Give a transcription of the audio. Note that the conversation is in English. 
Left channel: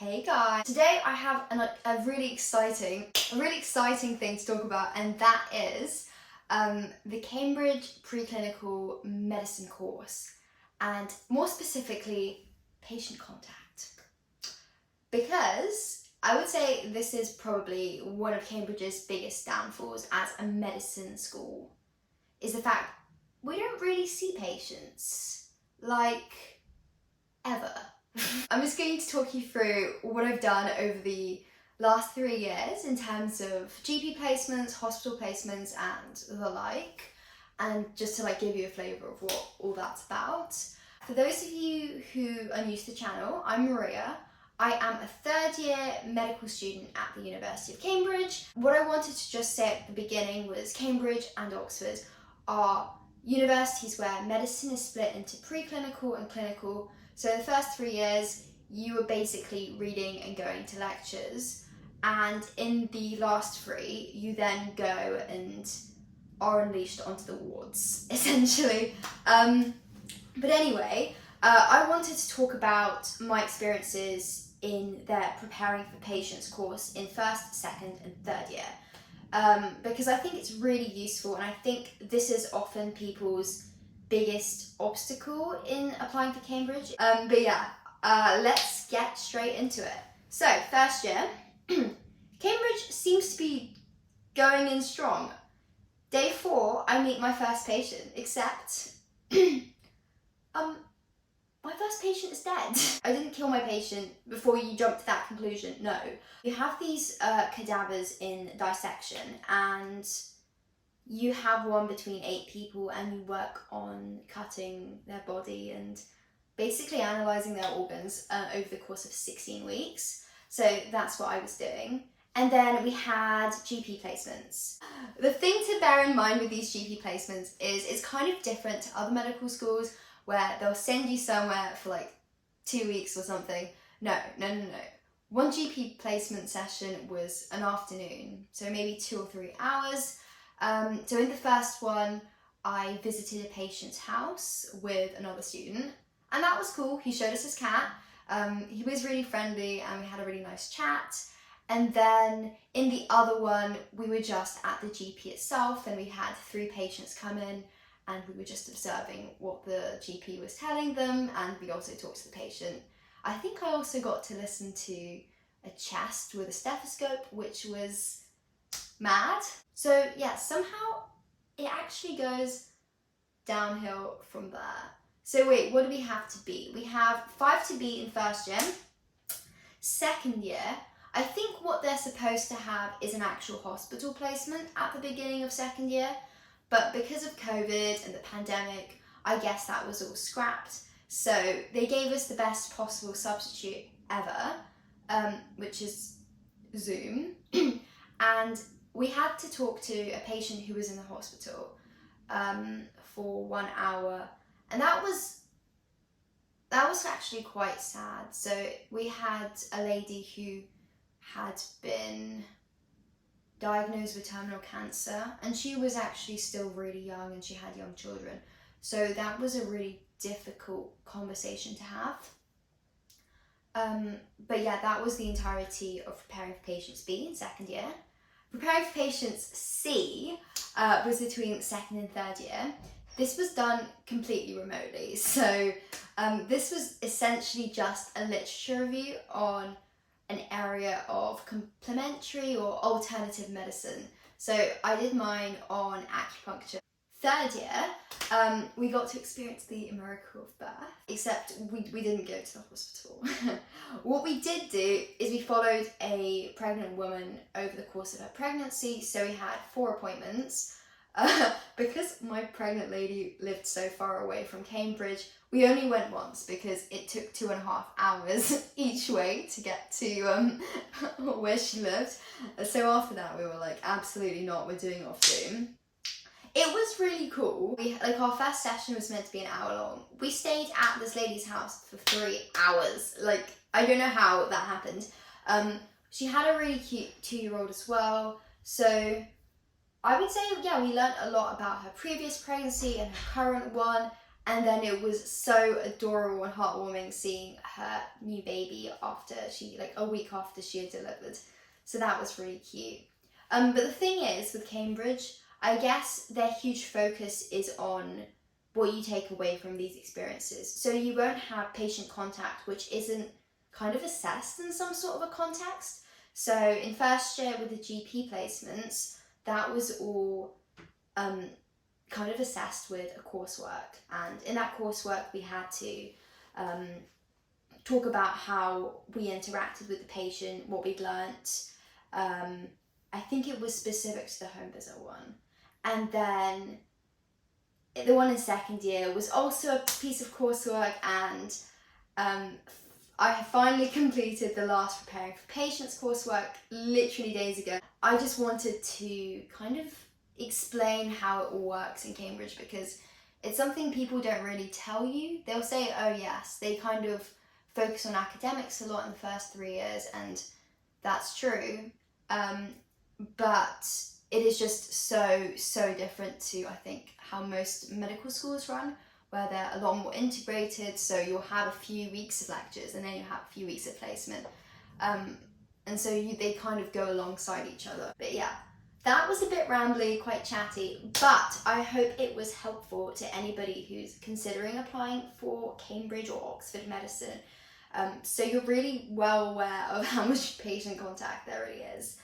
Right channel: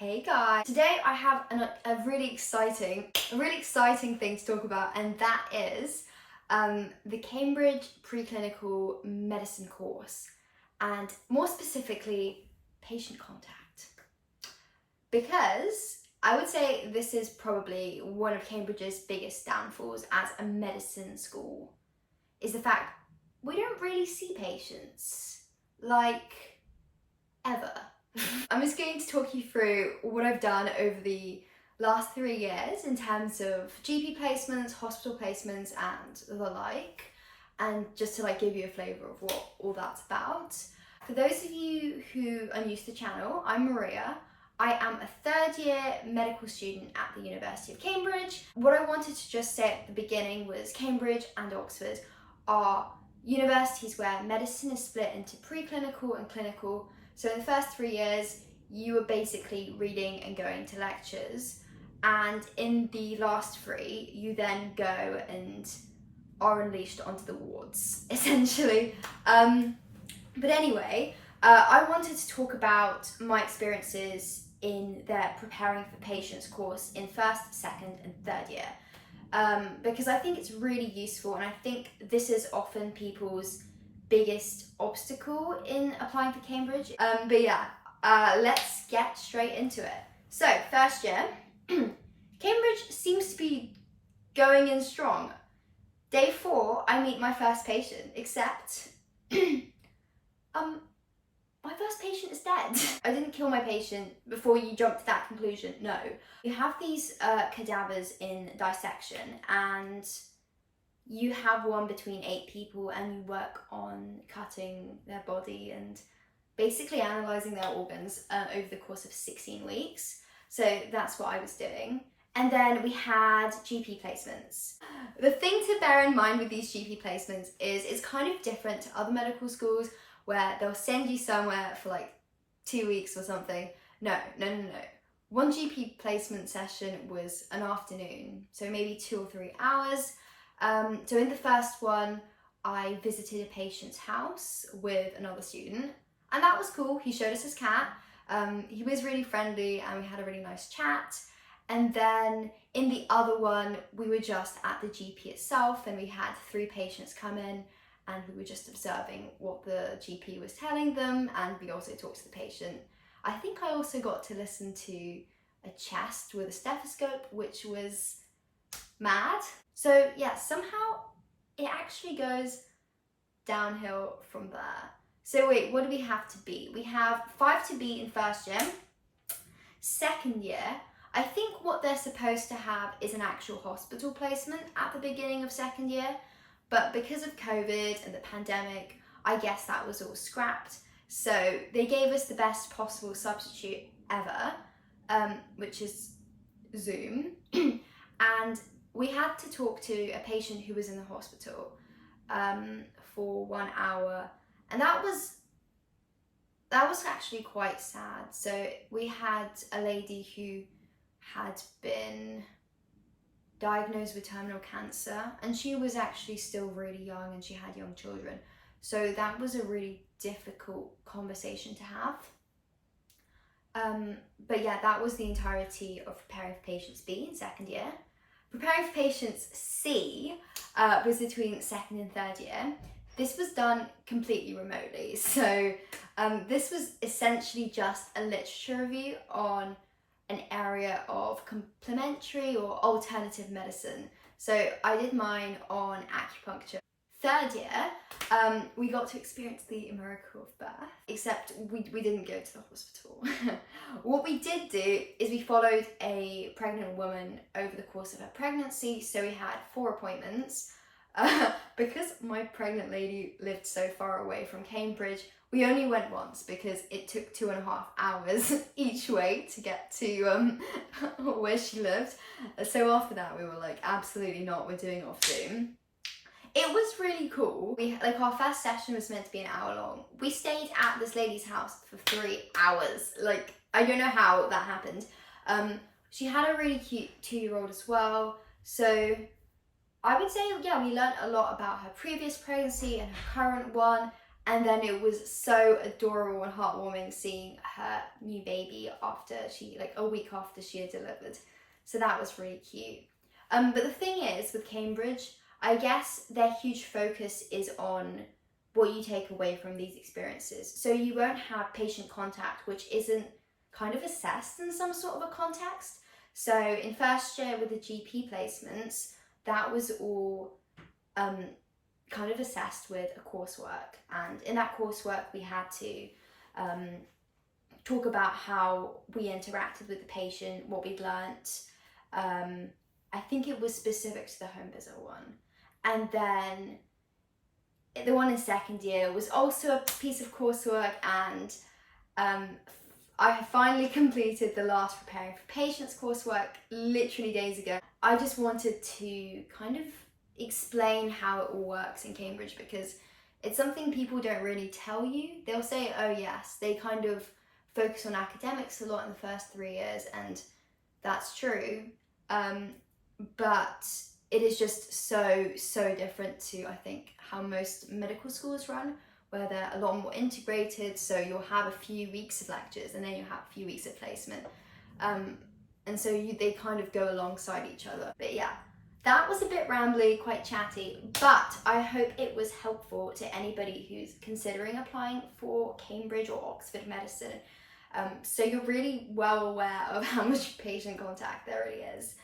Hey guys! Today I have a really exciting thing to talk about, and that is the Cambridge Preclinical Medicine course, and more specifically, patient contact. Because I would say this is probably one of Cambridge's biggest downfalls as a medicine school, is the fact we don't really see patients, like, ever. I'm just going to talk you through what I've done over the last 3 years in terms of GP placements, hospital placements, and the like, and just to give you a flavour of what all that's about. For those of you who are new to the channel, I'm Maria. I am a third-year medical student at the University of Cambridge. What I wanted to just say at the beginning was Cambridge and Oxford are universities where medicine is split into preclinical and clinical. So in the first 3 years, you were basically reading and going to lectures. And in the last 3, you then go and are unleashed onto the wards, essentially. But anyway, I wanted to talk about my experiences in their Preparing for Patients course in first, second, and third year. Because I think it's really useful, and I think this is often people's biggest obstacle in applying for Cambridge. But yeah, let's get straight into it. So, first year, Cambridge seems to be going in strong. Day 4, I meet my first patient, except, my first patient is dead. I didn't kill my patient before you jump to that conclusion, no. You have these cadavers in dissection, and you have one between 8 people, and you work on cutting their body and basically analysing their organs over the course of 16 weeks. So that's what I was doing. And then we had GP placements. The thing to bear in mind with these GP placements is it's kind of different to other medical schools where they'll send you somewhere for 2 weeks or something. No. One GP placement session was an afternoon, so maybe 2 or 3 hours. So in the first one, I visited a patient's house with another student, and that was cool. He showed us his cat. He was really friendly, and we had a really nice chat. And then in the other one, we were just at the GP itself, and we had 3 patients come in, and we were just observing what the GP was telling them, and we also talked to the patient. I think I also got to listen to a chest with a stethoscope, which was mad. So yeah, somehow it actually goes downhill from there. So wait, what do we have to be? We have 5 to be in first year. Second year, I think what they're supposed to have is an actual hospital placement at the beginning of second year, but because of COVID and the pandemic, I guess that was all scrapped. So they gave us the best possible substitute ever, which is Zoom. And we had to talk to a patient who was in the hospital for 1 hour, and that was actually quite sad. So we had a lady who had been diagnosed with terminal cancer, and she was actually still really young, and she had young children. So that was a really difficult conversation to have. But yeah, that was the entirety of Preparing for Patients B in second year. Preparing for Patients C was between second and third year. This was done completely remotely. So this was essentially just a literature review on an area of complementary or alternative medicine. So I did mine on acupuncture. Third year, we got to experience the miracle of birth, except we didn't go to the hospital. What we did do is we followed a pregnant woman over the course of her pregnancy, so we had 4 appointments. Because my pregnant lady lived so far away from Cambridge, we only went once because it took 2.5 hours each way to get to where she lived. So after that, we were like, absolutely not, we're doing it off Zoom. It was really cool. Our first session was meant to be an hour long. We stayed at this lady's house for 3 hours. I don't know how that happened. She had a really cute 2-year-old as well. So I would say, yeah, we learned a lot about her previous pregnancy and her current one. And then it was so adorable and heartwarming seeing her new baby after like a week after she had delivered. So that was really cute. But the thing is with Cambridge, I guess their huge focus is on what you take away from these experiences. So you won't have patient contact, which isn't kind of assessed in some sort of a context. So in first year with the GP placements, that was all kind of assessed with a coursework, and in that coursework we had to talk about how we interacted with the patient, what we'd learnt. I think it was specific to the home visit one, and then the one in second year was also a piece of coursework, and I finally completed the last preparing for patients coursework literally days ago. I just wanted to kind of explain how it all works in Cambridge, because it's something people don't really tell you. They'll say, oh yes, they kind of focus on academics a lot in the first 3 years, and that's true. But it is just so different to, I think, how most medical schools run, where they're a lot more integrated. So you'll have a few weeks of lectures and then you'll have a few weeks of placement. And so they kind of go alongside each other. But yeah, that was a bit rambly, quite chatty, but I hope it was helpful to anybody who's considering applying for Cambridge or Oxford medicine. So you're really well aware of how much patient contact there really is.